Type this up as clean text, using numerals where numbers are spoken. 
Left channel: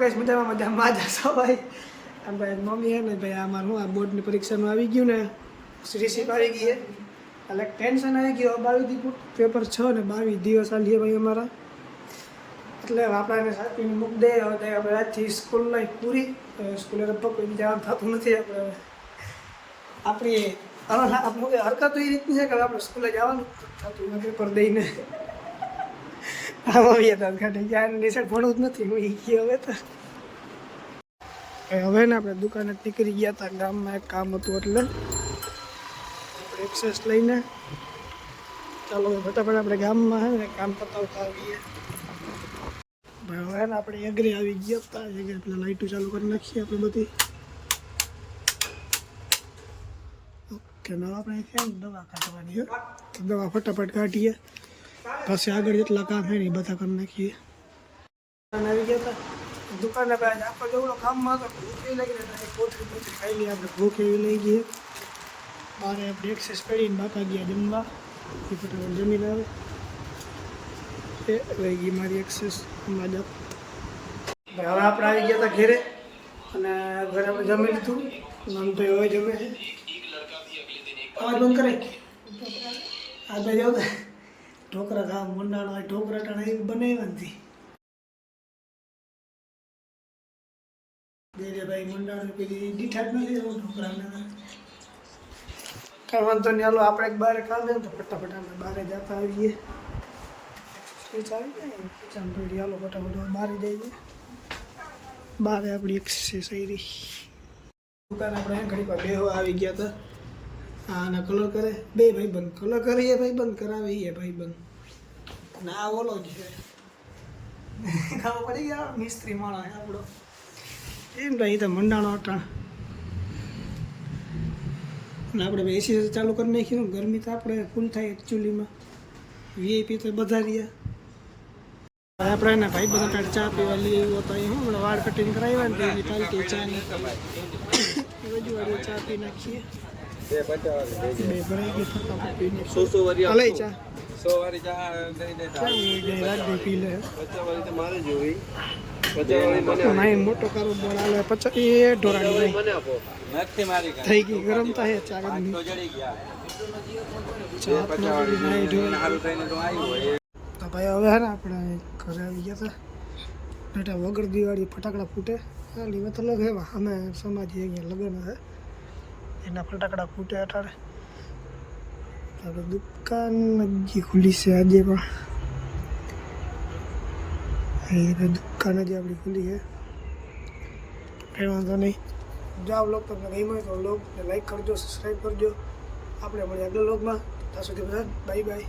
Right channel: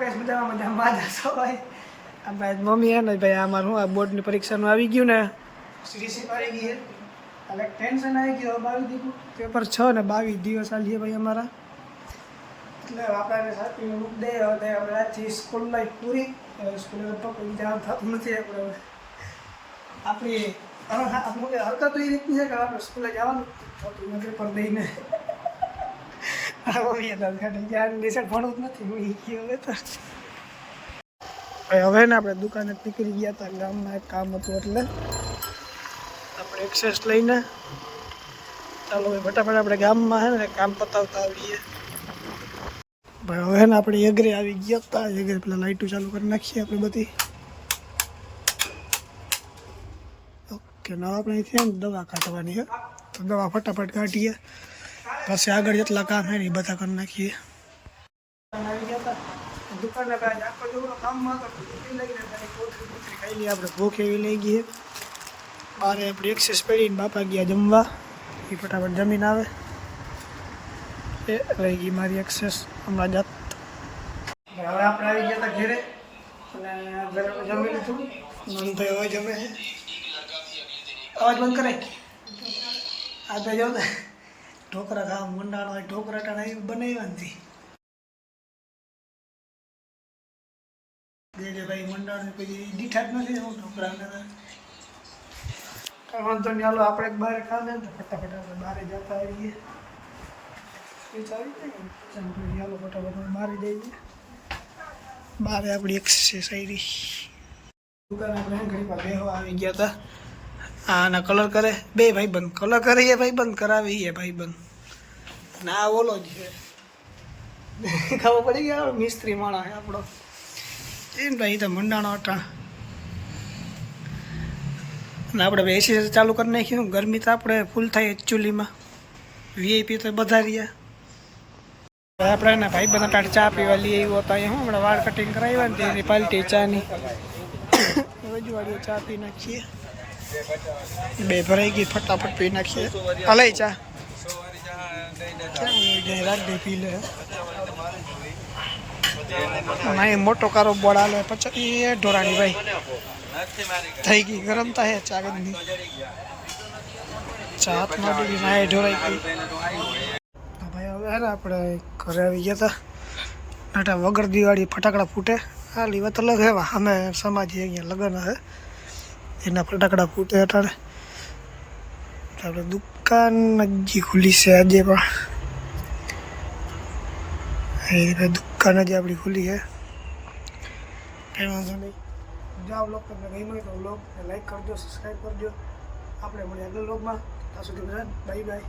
મજામાં મજામાં જશો ભાઈ. આમ ભાઈ મમ્મી હે ને ભાઈ આમાં હું આ બોર્ડની પરીક્ષાનું આવી ગયું ને રિસીપ આવી ગઈ એટલે ટેન્શન આવી ગયું. 22 પેપર 6 ને 22 દિવસ આલીએ ભાઈ અમારા. એટલે આપણે સાચવીને મૂકી દઈએ. હવે આપણે આજથી સ્કૂલ લાઈફ પૂરી. સ્કૂલે લગભગ કોઈ જવાનું થતું નથી. આપણે હવે આપણી હરકત એ રીતની છે કે આપણે સ્કૂલે જવાનું થતું નથી પેપર દઈને. ભણવું જ નથી હું ગયો હવે તો. હવે ને આપણે દુકાને નીકળી ગયા હતા. ગામમાં એક કામ હતું એટલે આપણે એક્સેસ લઈને ચાલો ભાઈ ફટાફટ આપણે ગામમાં હે ને કામ પતાવતા આવીએ ભાઈ. હવે ને આપણે એગ્રે આવી ગયા હતા. એગ્રે પેલા લાઇટો ચાલુ કરી નાખીએ આપણે બધી. ઓકે ના આપણે અહીંથી દવા કાઢવાની છે તો દવા ફટાફટ કાઢીએ. પછી આગળ જેટલા કામ છે ને એ બધા કરી નાખીએ. આવી ગયા હતા દુકાને આખો જેવડો કામમાં હતો ભૂખ એવી લાગી એટલે કોથળી ખાઈ લઈએ આપણે. ભૂખ એવી લઈ ગઈ. બારે આપણી એક્સેસ પડીને બાપા ગયા જમવા. એ ફટાફટ જમીન આવે એ લઈ ગઈ મારી એક્સેસ હમણાં જાત. હવે આપણે આવી ગયા હતા ઘેરે અને ઘરે આપણે જમી લીધું. નંદભાઈ હવે જમે છે. અવાજ બંધ કરે આ ભાઈ જાવ ઢોકરા ખાવા મંડાણો હોય. ઢોકરા ટાણા એ બનાવ્યા નથી દે ભાઈ મંડાણ પછી દીઠા જ નથી. એવું ઢોકરા કાંઈ વાંધો નહીં. હાલો આપણે બહાર કામ છે ને તો ફટાફટ આપણે બહાર જતા આવીએ. શું ચાલુ ને હાલો ફટાફટ બહાર જઈએ. બહાર આપણી એક્સરસાઇઝ આવી દુકાન આપણે ઘણી વાર બેહવા આવી ગયા હતા. આના કલર કરે બે ભાઈ બંધ કલર કરે એ ભાઈ બંધ કરાવે એ ભાઈ બંધ. અને આ ઓલો જ ખબર પડી ગયા મિસ્ત્રી માણસ આપણો એમ ભાઈ. તો મંડાણો અટા અને આપણે ભાઈ એસી ચાલુ કરી નાખ્યું. ગરમી તો આપણે ફૂલ થાય એકચ્યુઅલીમાં. વીઆઈપી તો બધા રહ્યા. આપણે એના ભાઈ બધા ટાટ ચા પીવા લઈ આવ્યો હતા. હું હમણાં વાળ કટિંગ કરાવ્યા ને તેની પાલટી ચાની રજવાડીએ ચા પી નાખીએ. બે ભરાઈ ગઈ ફટાફટ પી નાખીએ. હલાઈ ચા રાખ દે પી લે. ના મોટો કારો બોળ આલો પછી એ ઢોરાની ભાઈ થઈ ગઈ ગરમ થાય ચા ગંદી ચા હાથમાં ગઈ ના એ ઢોરાઈ ગઈ. ભાઈ હવે હે ને આપણે ઘરે આવી ગયા હતા. નાટા વગર દિવાળી ફટાકડા ફૂટે હાલી વાત અલગ હેવા. અમે સમાજે અહીંયા લગ્ન હે એના ફટાકડા ફૂટે અટાડે. આપણે દુકાન હજી ખુલી છે આજે પણ. એ દુકાન હજી આપણી ખુલી છે. કંઈ વાંધો નહીં. જાઓ લોગ તમને ગમ્યો હોય તો લોગને લાઈક કરજો, સબસ્ક્રાઈબ કરજો. આપણે મળીએ આગળ લોગમાં. ત્યાં સુધી બધા બાય બાય.